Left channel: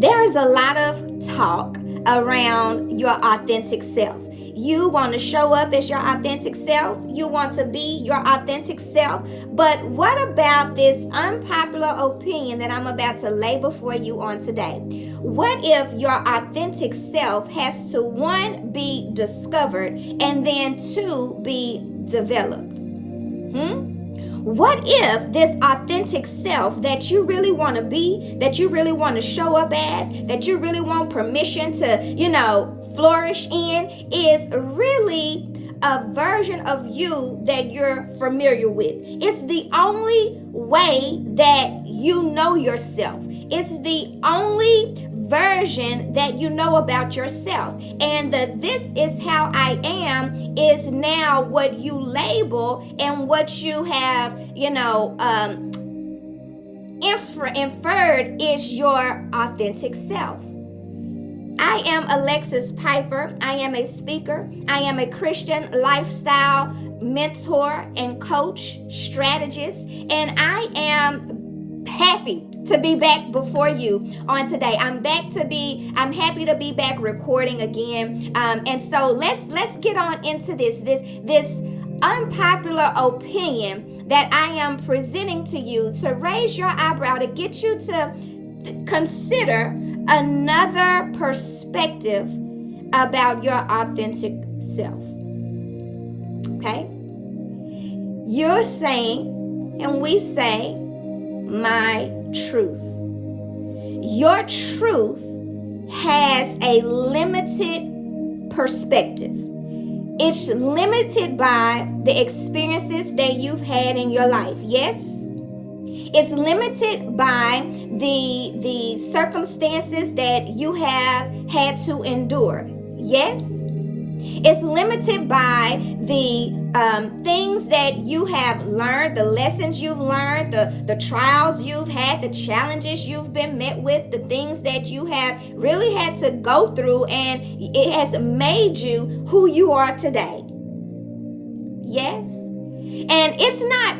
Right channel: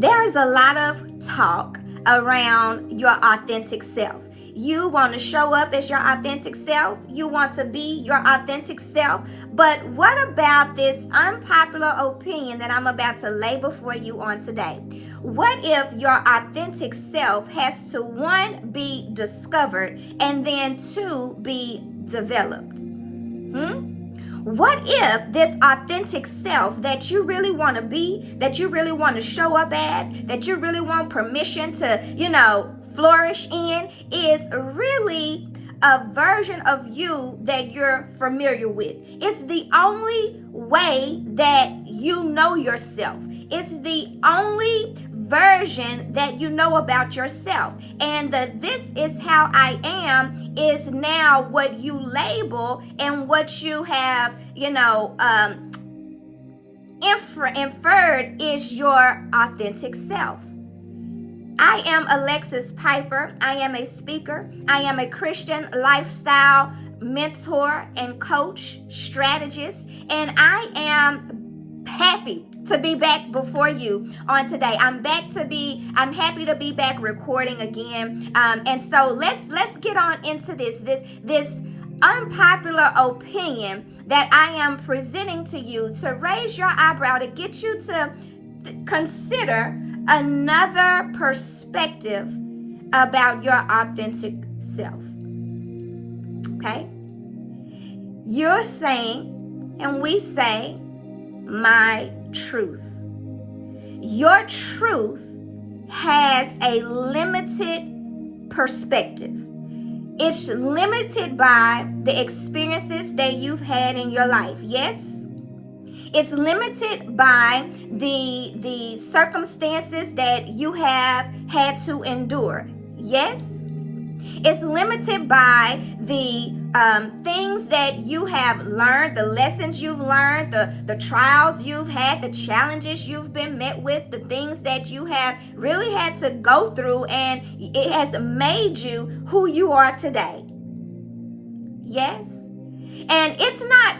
There's a lot of talk around your authentic self. You want to show up as your authentic self. You want to be your authentic self. But what about this unpopular opinion that I'm about to lay before you on today? What if your authentic self has to, one, be discovered and then two, be developed? What if this authentic self that you really want to be, that you really want to show up as, that you really want permission to, flourish in, is really a version of you that you're familiar with? It's the only way that you know yourself. It's the only version that you know about yourself. And the "this is how I am" is now what you label and what you have, inferred is your authentic self. I am Alexis Piper. I am a speaker. I am a Christian lifestyle mentor and coach, strategist, and I am happy to be back before you on today. I'm happy to be back recording again. And so let's get on into this unpopular opinion that I am presenting to you to raise your eyebrow, to get you to consider another perspective about your authentic self. Okay? You're saying, and we say, my truth. Your truth has a limited perspective. It's limited by the experiences that you've had in your life. Yes? It's limited by the circumstances that you have had to endure. Yes? It's limited by the things that you have learned, the lessons you've learned, the trials you've had, the challenges you've been met with, the things that you have really had to go through, and it has made you who you are today. Yes? And it's not,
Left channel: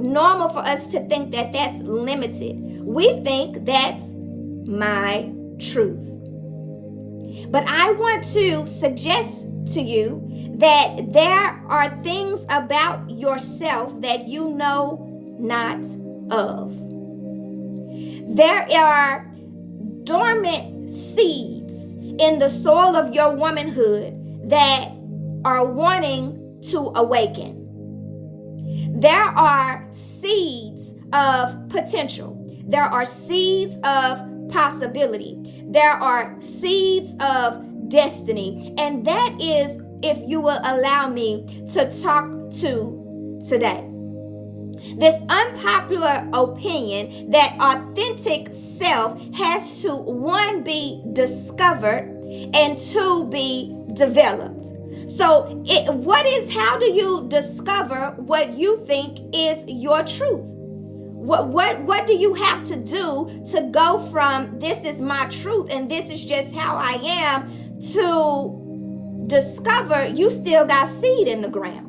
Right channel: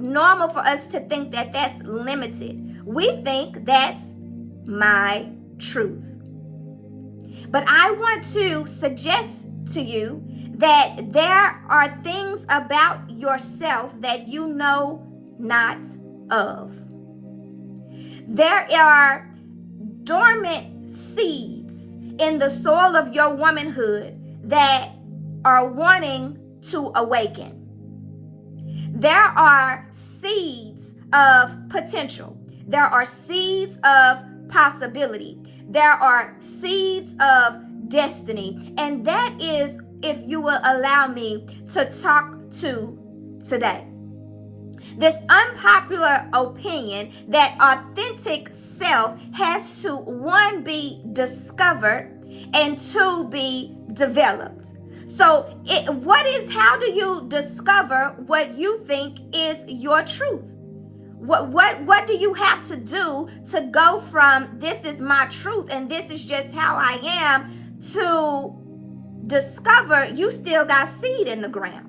normal for us to think that that's limited. We think that's my truth. But I want to suggest to you that there are things about yourself that you know not of. There are dormant seeds in the soil of your womanhood that are wanting to awaken. There are seeds of potential. There are seeds of possibility. There are seeds of destiny. And that is, if you will allow me to talk to today. This unpopular opinion that authentic self has to, one, be discovered and two, be developed. So how do you discover what you think is your truth? What do you have to do to go from "this is my truth and this is just how I am" to discover you still got seed in the ground?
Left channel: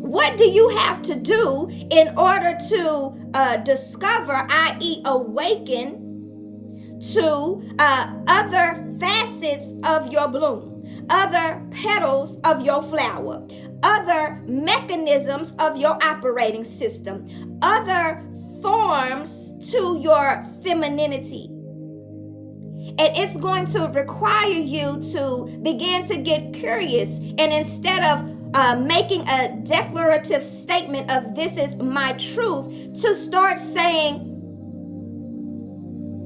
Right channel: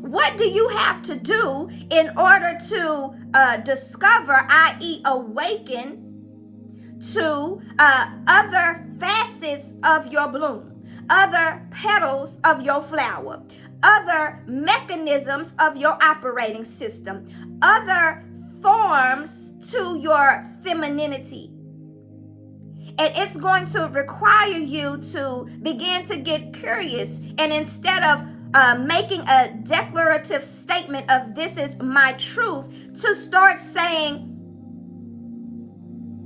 What do you have to do in order to discover, i.e. awaken to other facets of your bloom? Other petals of your flower, other mechanisms of your operating system, other forms to your femininity. And it's going to require you to begin to get curious, and instead of making a declarative statement of "this is my truth," to start saying,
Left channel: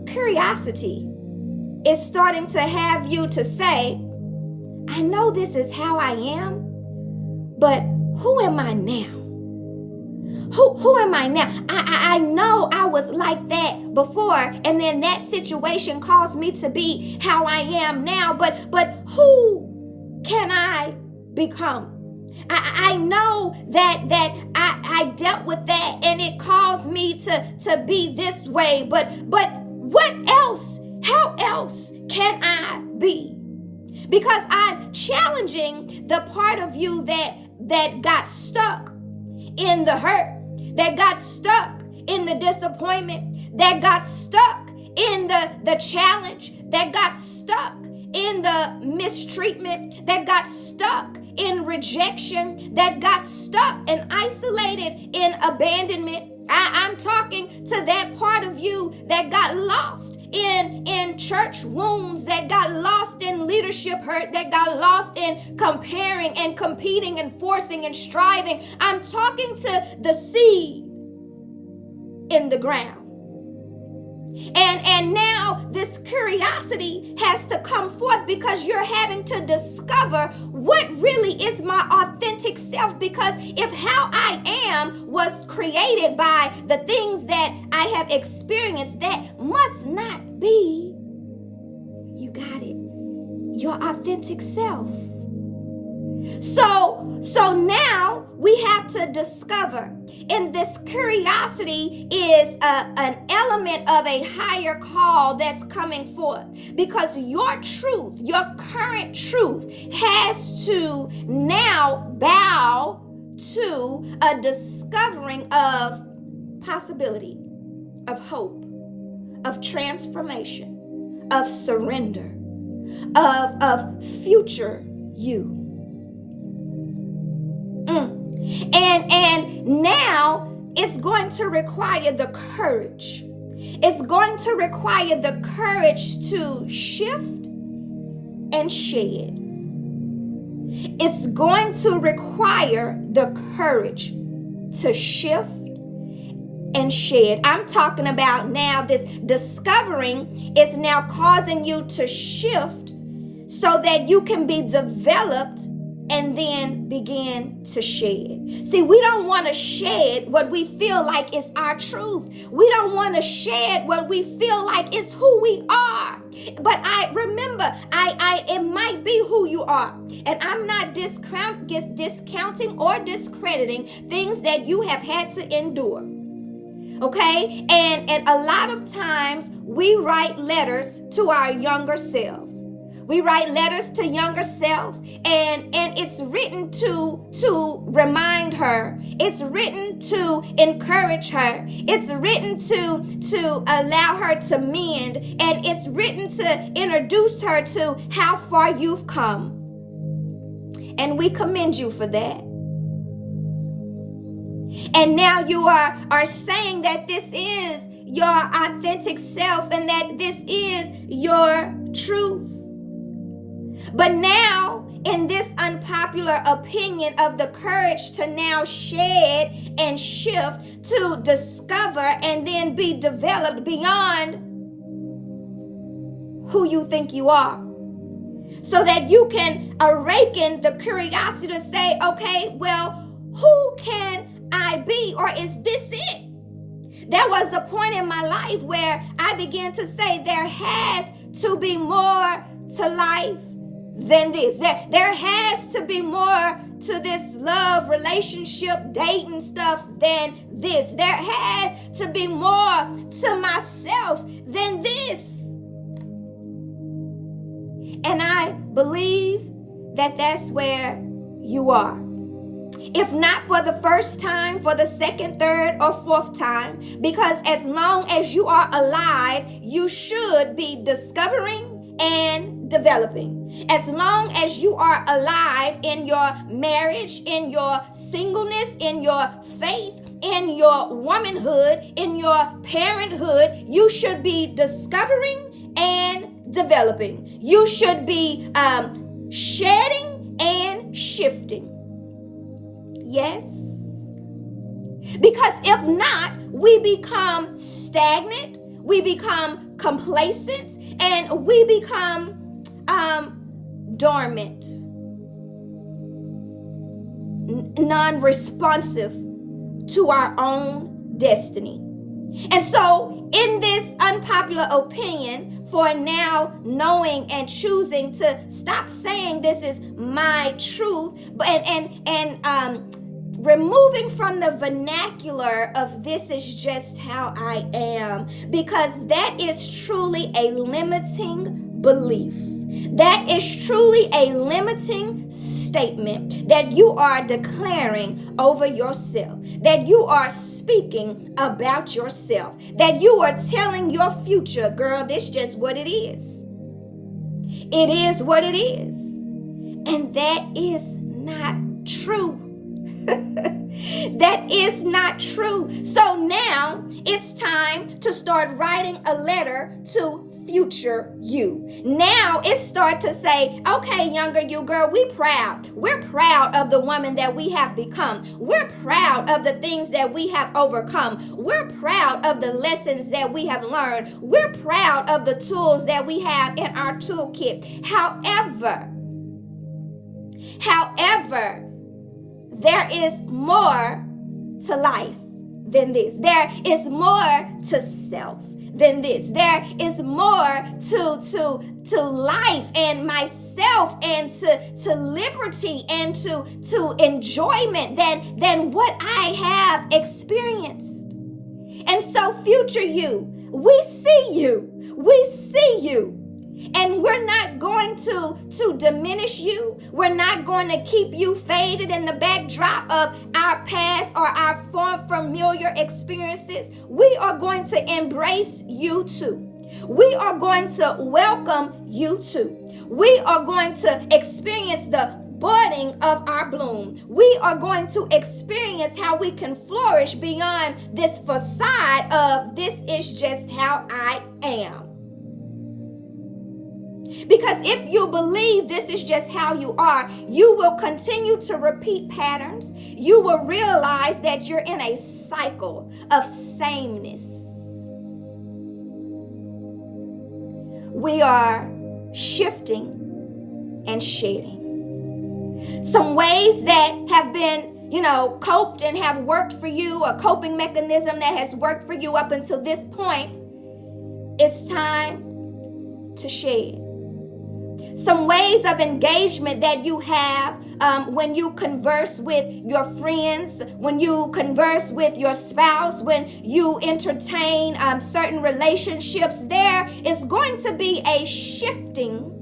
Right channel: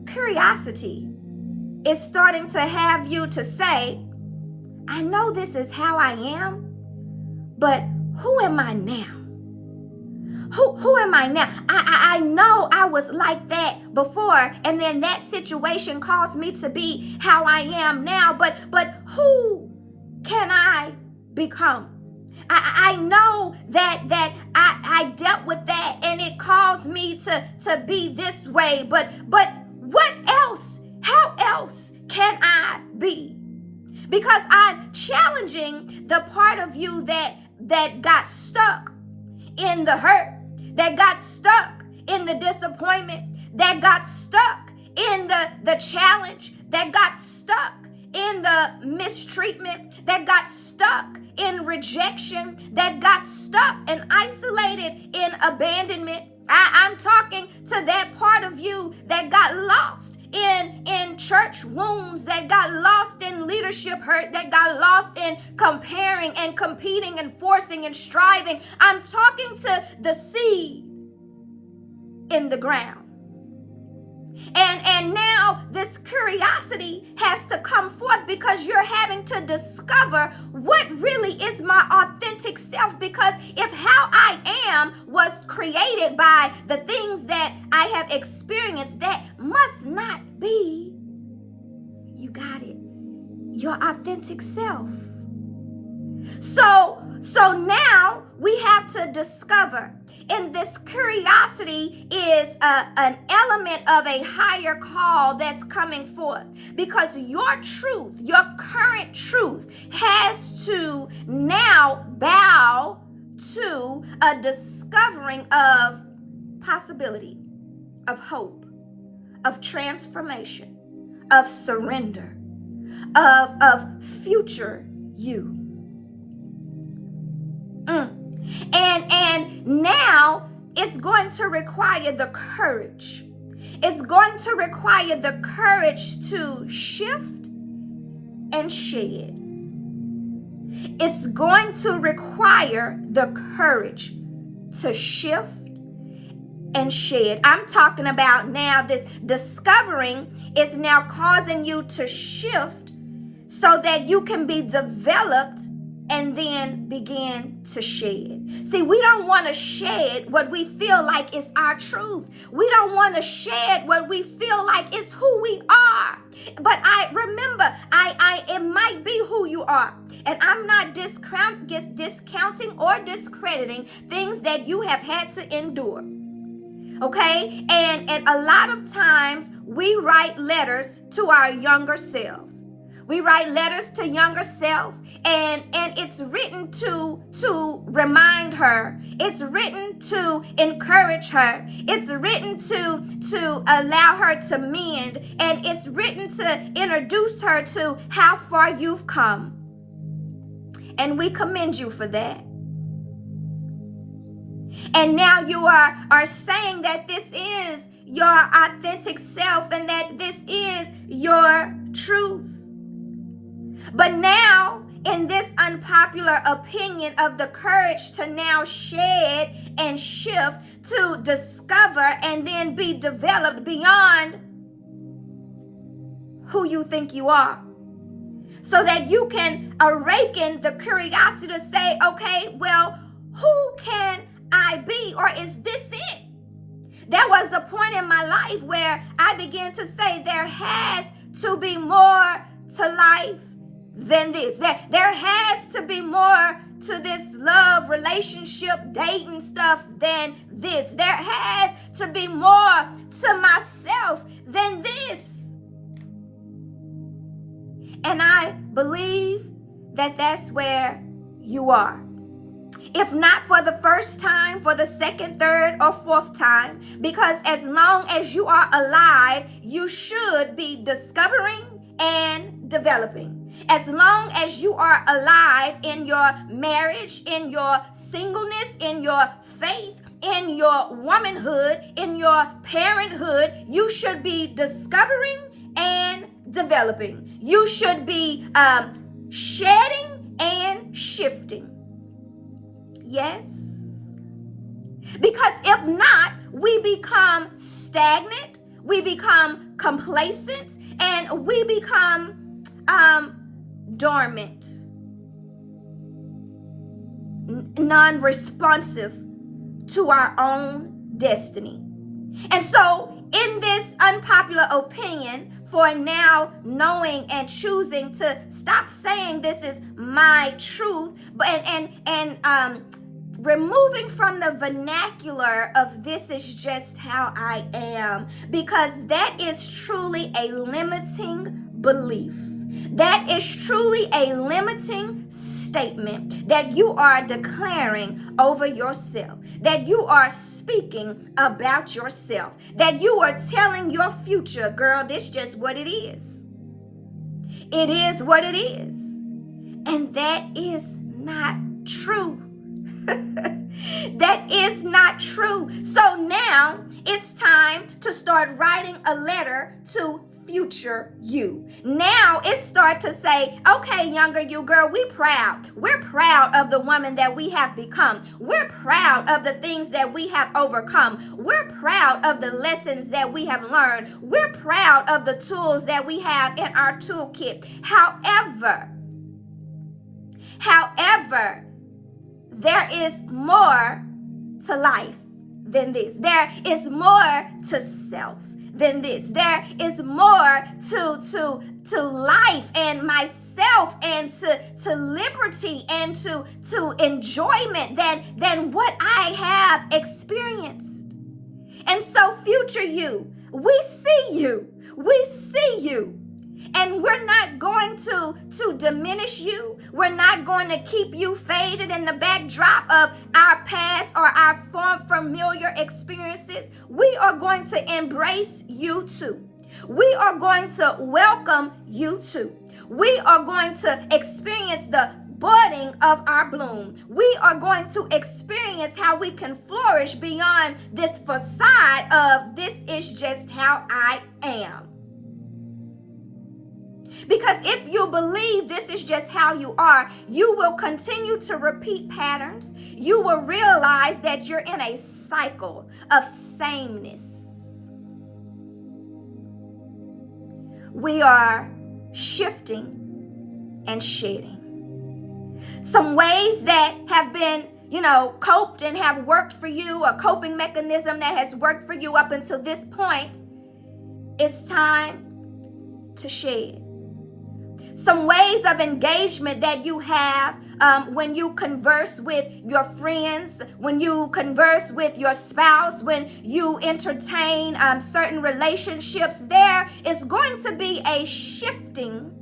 curiosity is starting to have you to say, I know this is how I am, but who am I now? Who am I now? I know I was like that before, and then that situation caused me to be how I am now, but who can I become? I know that I dealt with that and it caused me to be this way, but what else? How else can I be? Because I'm challenging the part of you that got stuck in the hurt, that got stuck in the disappointment, that got stuck in the challenge, that got stuck in the mistreatment, that got stuck in rejection, that got stuck and isolated in abandonment. I'm talking to that part of you that got lost in church wounds, that got lost in leadership hurt, that got lost in comparing and competing and forcing and striving. I'm talking to the seed in the ground. And now this curiosity has to come forth because you're having to discover what really is my authentic self. Because if how I am was created by the things that I have experienced, that must not be, you got it, your authentic self. So now we have to discover, and this curiosity is an element of a higher call that's coming forth, because your truth, your current truth, has to now bow to a discovering of possibility, of hope, of transformation, of surrender, of future you. And now it's going to require the courage. It's going to require the courage to shift and shed. It's going to require the courage to shift and shed. I'm talking about now this discovering is now causing you to shift so that you can be developed and then begin to shed. See, we don't want to shed what we feel like is our truth. We don't want to shed what we feel like is who we are. But I remember, it might be who you are. And I'm not discounting or discrediting things that you have had to endure. Okay? And a lot of times we write letters to our younger selves. We write letters to younger self, and it's written to remind her. It's written to encourage her. It's written to allow her to mend, and it's written to introduce her to how far you've come. And we commend you for that. And now you are saying that this is your authentic self and that this is your truth. But now, in this unpopular opinion of the courage to now shed and shift, to discover and then be developed beyond who you think you are, so that you can awaken the curiosity to say, okay, well, who can I be? Or is this it? There was a point in my life where I began to say there has to be more to life than this. There has to be more to this love, relationship, dating stuff than this. There has to be more to myself than this. And I believe that that's where you are. If not for the first time, for the second, third, or fourth time, because as long as you are alive, you should be discovering and developing. As long as you are alive in your marriage, in your singleness, in your faith, in your womanhood, in your parenthood, you should be discovering and developing. You should be shedding and shifting. Yes? Because if not, we become stagnant, we become complacent, and we become dormant, non-responsive to our own destiny. And so in this unpopular opinion, for now knowing and choosing to stop saying this is my truth, but and removing from the vernacular of this is just how I am, because that is truly a limiting belief. That is truly a limiting statement that you are declaring over yourself. that you are speaking about yourself, that you are telling your future, girl, this just what it is. It is what it is. And that is not true. That is not true. So now it's time to start writing a letter to future you. Now it's start to say, okay, younger you, girl, we're proud of the woman that we have become. We're proud of the things that we have overcome. We're proud of the lessons that we have learned. We're proud of the tools that we have in our toolkit. However, there is more to life than this. There is more to self than this. There is more to life and myself and to liberty and to enjoyment than what I have experienced. And so future you, we see you. And we're not going to diminish you. We're not going to keep you faded in the backdrop of our past or our familiar experiences. We are going to embrace you too. We are going to welcome you too. We are going to experience the budding of our bloom. We are going to experience how we can flourish beyond this facade of this is just how I am. Because if you believe this is just how you are, you will continue to repeat patterns. You will realize that you're in a cycle of sameness. We are shifting and shedding. Some ways that have been, coped and have worked for you, a coping mechanism that has worked for you up until this point, it's time to shed. Some ways of engagement that you have when you converse with your friends, when you converse with your spouse, when you entertain certain relationships, there is going to be a shifting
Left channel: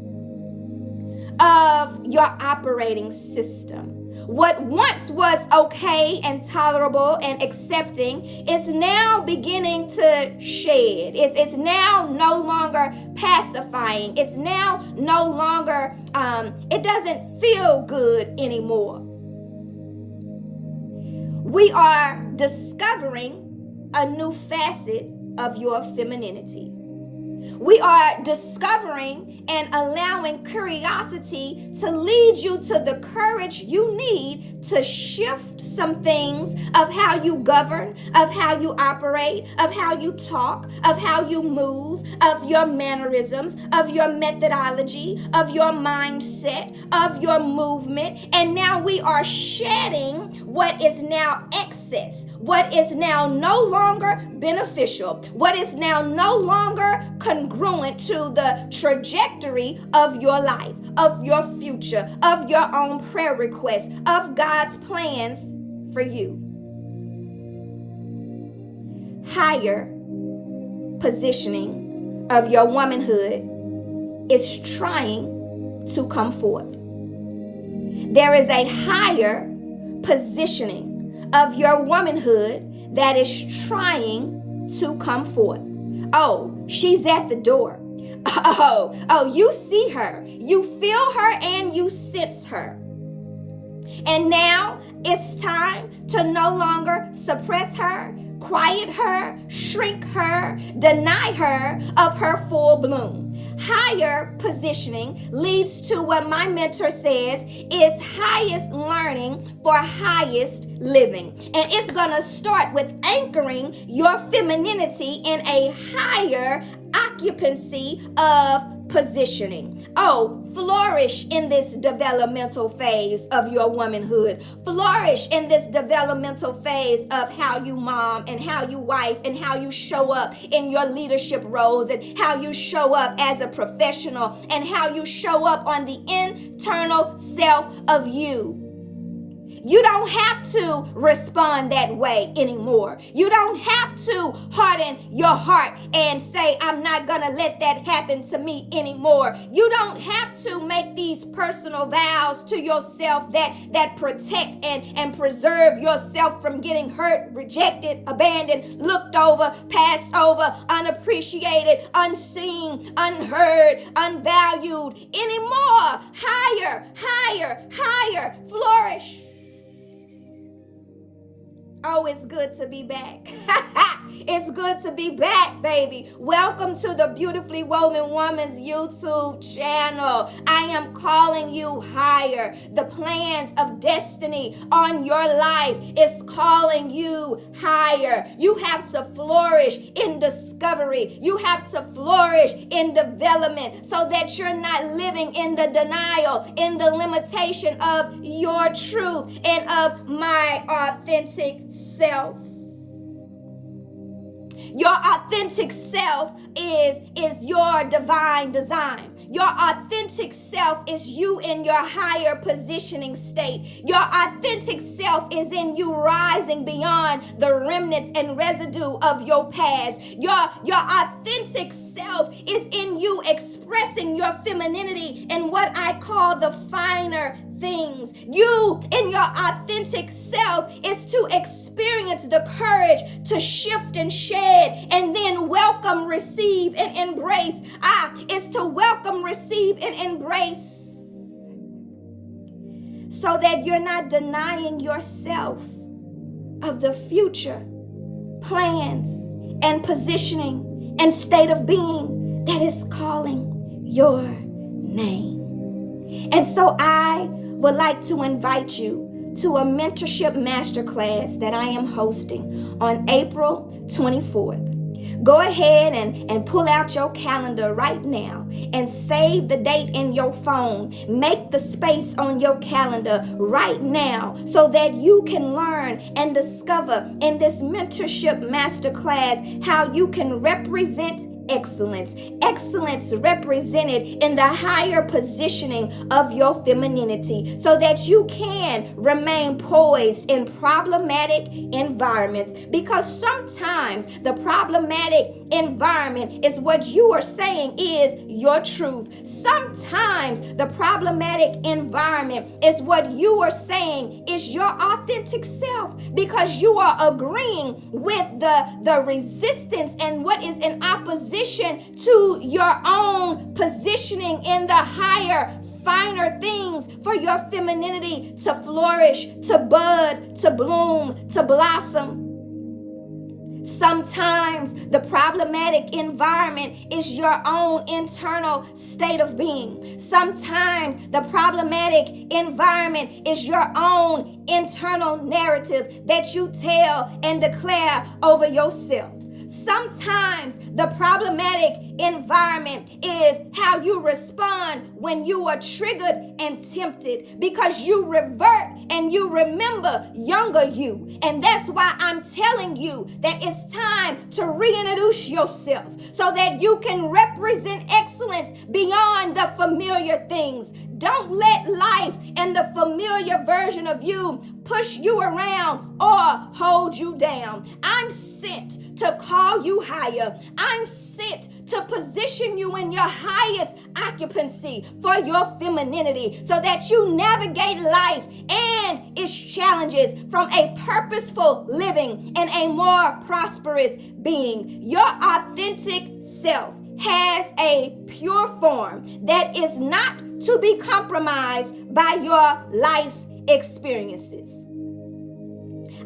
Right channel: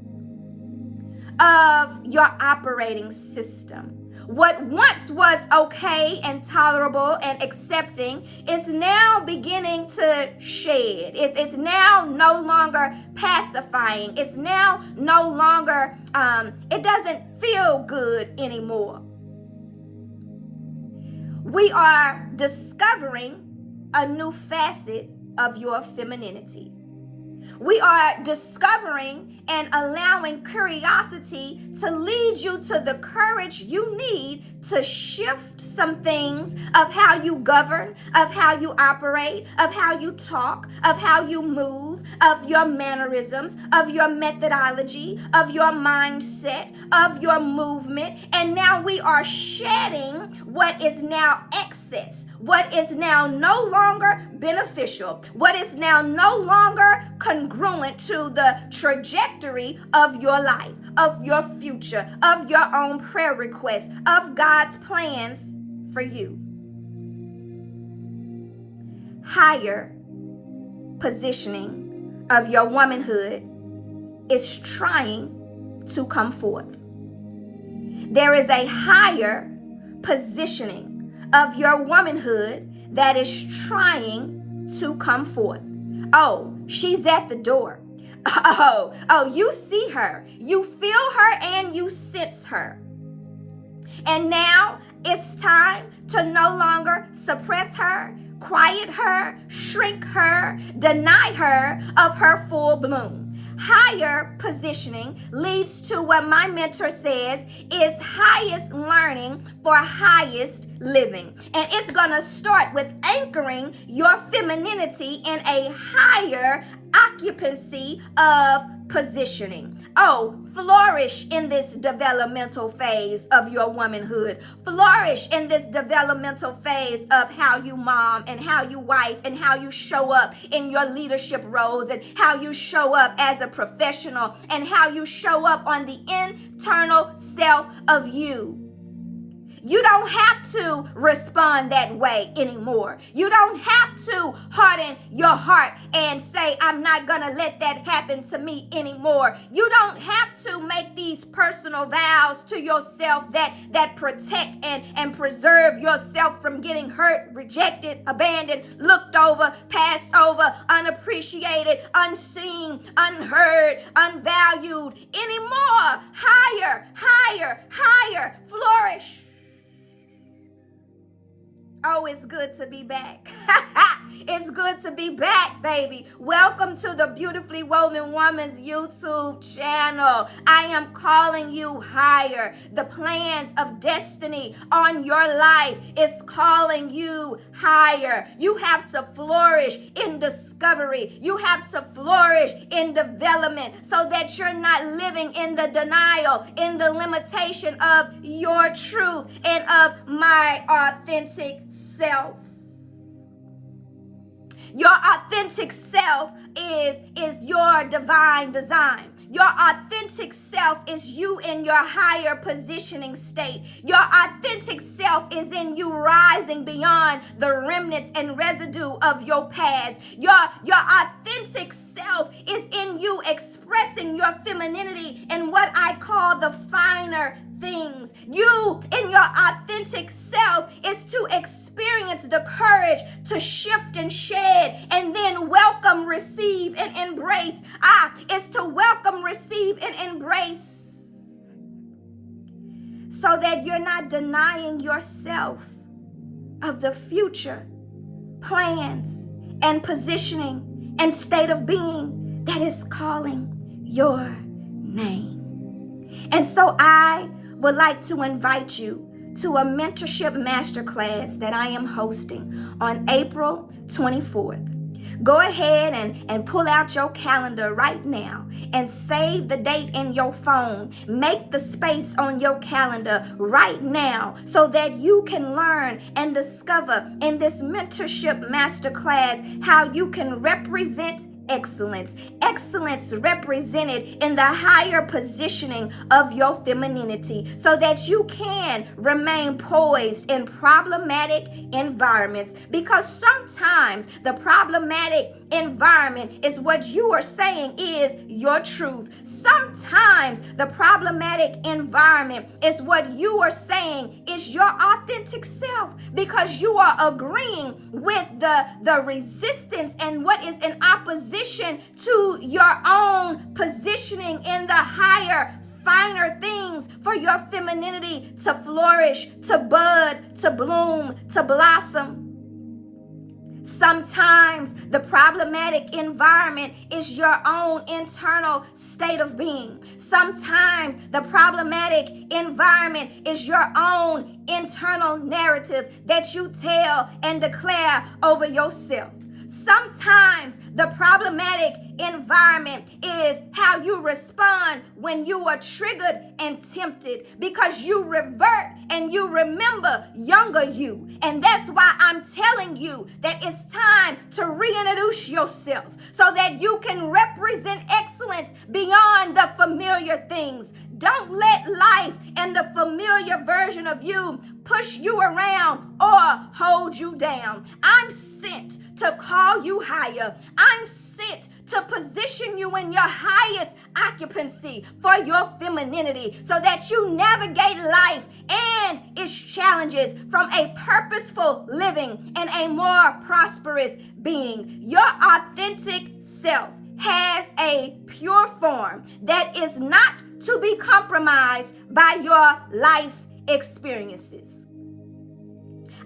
of your operating system. What once was okay and tolerable and accepting is now beginning to shed. It's now no longer pacifying. It's now no longer, it doesn't feel good anymore. We are discovering a new facet of your femininity. We are discovering and allowing curiosity to lead you to the courage you need to shift some things of how you govern, of how you operate, of how you talk, of how you move, of your mannerisms, of your methodology, of your mindset, of your movement. And now we are shedding what is now excess, what is now no longer beneficial, what is now no longer congruent to the trajectory of your life, of your future, of your own prayer requests, of God's plans for you. Higher positioning of your womanhood is trying to come forth. There is a higher positioning of your womanhood that is trying to come forth. Oh, she's at the door. Oh, you see her, you feel her, and you sense her. And now it's time to no longer suppress her, quiet her, shrink her, deny her of her full bloom. Higher positioning leads to what my mentor says is highest learning for highest living. And it's going to start with anchoring your femininity in a higher occupancy of positioning. Oh, flourish in this developmental phase of your womanhood. Flourish in this developmental phase of how you mom and how you wife and how you show up in your leadership roles and how you show up as a professional and how you show up on the internal self of you. You don't have to respond that way anymore. You don't have to harden your heart and say, I'm not going to let that happen to me anymore. You don't have to make these personal vows to yourself that protect and preserve yourself from getting hurt, rejected, abandoned, looked over, passed over, unappreciated, unseen, unheard, unvalued anymore. Higher, higher, higher, flourish. Oh, it's good to be back. It's good to be back, baby. Welcome to the Beautifully Woven Woman's YouTube channel. I am calling you higher. The plans of destiny on your life is calling you higher. You have to flourish in discovery. You have to flourish in development so that you're not living in the denial, in the limitation of your truth and of my authentic self. Your authentic self is your divine design. Your authentic self is you in your higher positioning state. Your authentic self is in you rising beyond the remnants and residue of your past. Your authentic self is in you expressing your femininity in what I call the finer things. You in your authentic self is to experience the courage to shift and shed and then welcome, receive, and embrace. It's to welcome, receive, and embrace so that you're not denying yourself of the future plans and positioning and state of being that is calling your name. And so I would like to invite you to a Mentorship Masterclass that I am hosting on April 24th. Go ahead and pull out your calendar right now and save the date in your phone. Make the space on your calendar right now so that you can learn and discover in this Mentorship Masterclass how you can represent excellence. Excellence represented in the higher positioning of your femininity so that you can remain poised in problematic environments, because sometimes the problematic environment is what you are saying is your truth. Sometimes the problematic environment is what you are saying is your authentic self, because you are agreeing with the resistance and what is in opposition to your own positioning in the higher, finer things for your femininity to flourish, to bud, to bloom, to blossom. Sometimes the problematic environment is your own internal state of being. Sometimes the problematic environment is your own internal narrative that you tell and declare over yourself. Sometimes the problematic environment is how you respond when you are triggered and tempted, because you revert and you remember younger you. And that's why I'm telling you that it's time to reintroduce yourself so that you can represent excellence beyond the familiar things. Don't let life and the familiar version of you push you around or hold you down. I'm sent to call you higher. I'm sent to position you in your highest occupancy for your femininity so that you navigate life and its challenges from a purposeful living and a more prosperous being. Your authentic self has a pure form that is not to be compromised by your life experiences.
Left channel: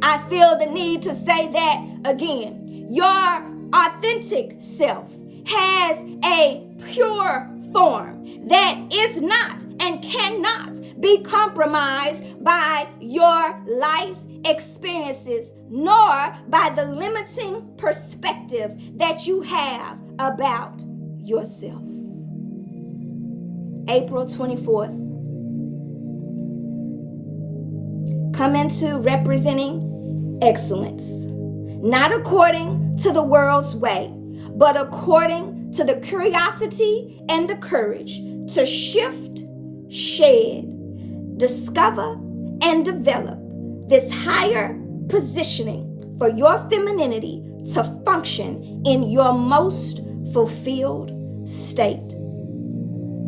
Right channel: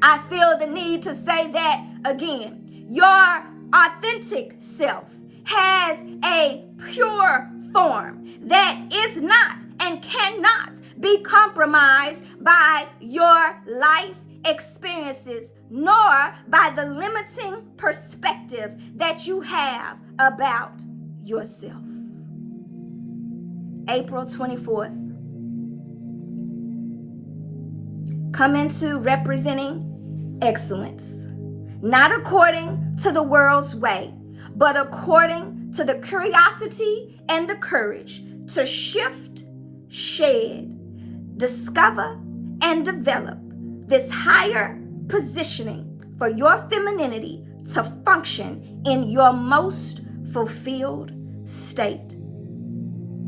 I feel the need to say that again. Your authentic self has a pure form that is not and cannot be compromised by your life experiences, nor by the limiting perspective that you have about yourself. April 24th. Come into representing excellence, not according to the world's way, but according to the curiosity and the courage to shift, shed, discover, and develop this higher positioning for your femininity to function in your most fulfilled state.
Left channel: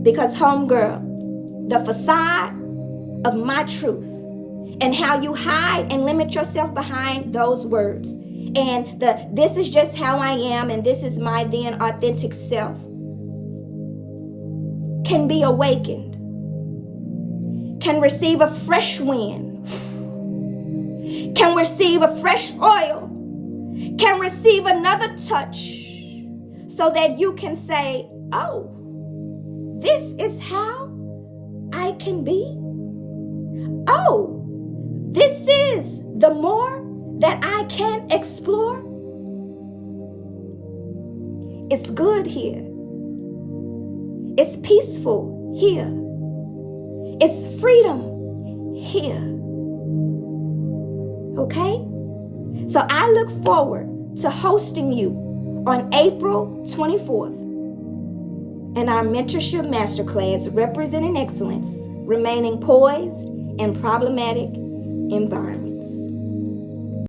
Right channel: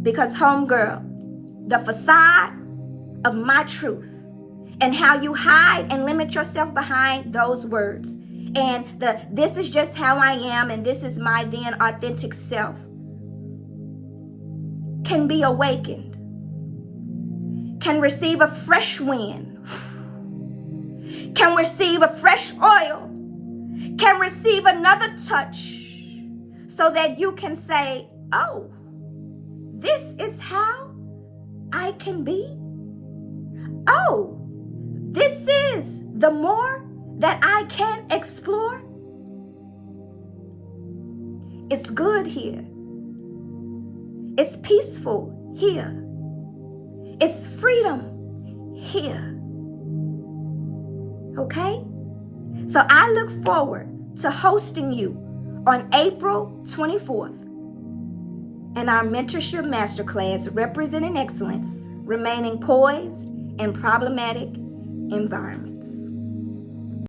Because, homegirl, the facade of my truth and how you hide and limit yourself behind those words and this is just how I am and this is my then authentic self can be awakened, can receive a fresh wind, can receive a fresh oil, can receive another touch so that you can say, oh, this is how I can be. Oh, this is the more that I can explore. It's good here. It's peaceful here. It's freedom here. Okay? So I look forward to hosting you on April 24th in our Mentorship Masterclass, Representing Excellence, Remaining Poised in Problematic Environments.